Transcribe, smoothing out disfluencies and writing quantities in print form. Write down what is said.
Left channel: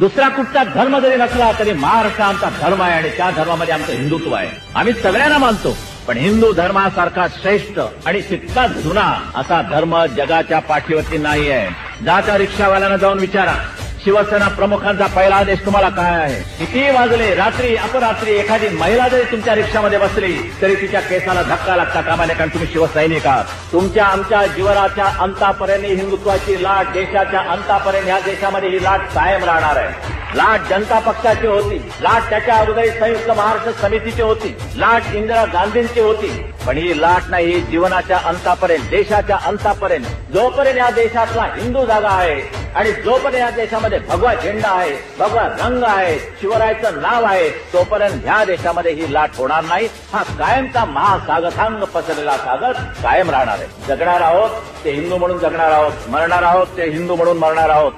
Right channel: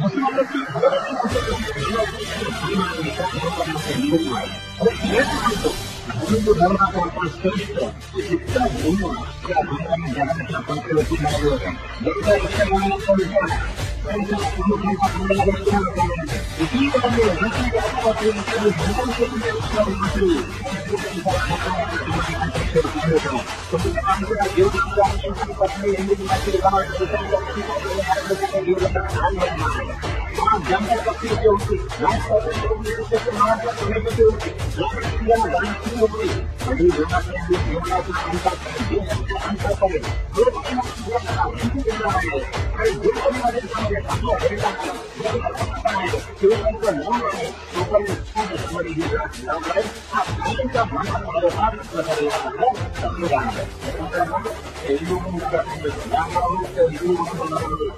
दुसरा कुठचा धर्म जरी नसला तरी महाराष्ट्र आमचा धर्म आहे आणि त्या धर्मामध्ये आमचं हिंदुत्व आहे. आम्ही सगळ्यांना मानतो, पण हिंदू धर्मासारखा श्रेष्ठ आणि तितकाच जुना असा धर्म जगाच्या पाठीवरती नाही आहे. जाता रिक्षावाल्यांना जाऊन विचारा, शिवसेना प्रमुखांचा पहिला आदेश तुम्हाला काय आहे? किती वाजले, रात्री अपरात्री एखादी महिला जरी तुमच्या रिक्षामध्ये बसली तरी तिच्या केसाला धक्का लागता कामा नये, कारण तुम्ही शिवसैनिक आहात. तुमच्या आमच्या जीवनाच्या अंतापर्यंत हिंदुत्वाची लाट, देशाच्या अंतापर्यंत या देशामध्ये ही लाट कायम राहणार आहे. लाट जनता पक्षाची होती, लाट त्याच्या अगोदर संयुक्त महाराष्ट्र समितीची होती, लाट इंदिरा गांधींची होती, पण ही लाट नाही, ही जीवनाच्या अंतापर्यंत, देशाच्या अंतापर्यंत, जोपर्यंत या देशातला हिंदू जागा आहे आणि जोपर्यंत या देशामध्ये भगवा झेंडा आहे, भगवा रंग आहे, शिवरायाचं नाव आहे, तोपर्यंत ह्या देशामध्ये ही लाट होणार नाही. हा कायमचा महासागरांग पसरलेला सागर कायम राहणार आहे. जगणार आहोत ते हिंदू म्हणून जगणार आहोत, मरणार आहोत ते हिंदू म्हणून मरणार आहोत.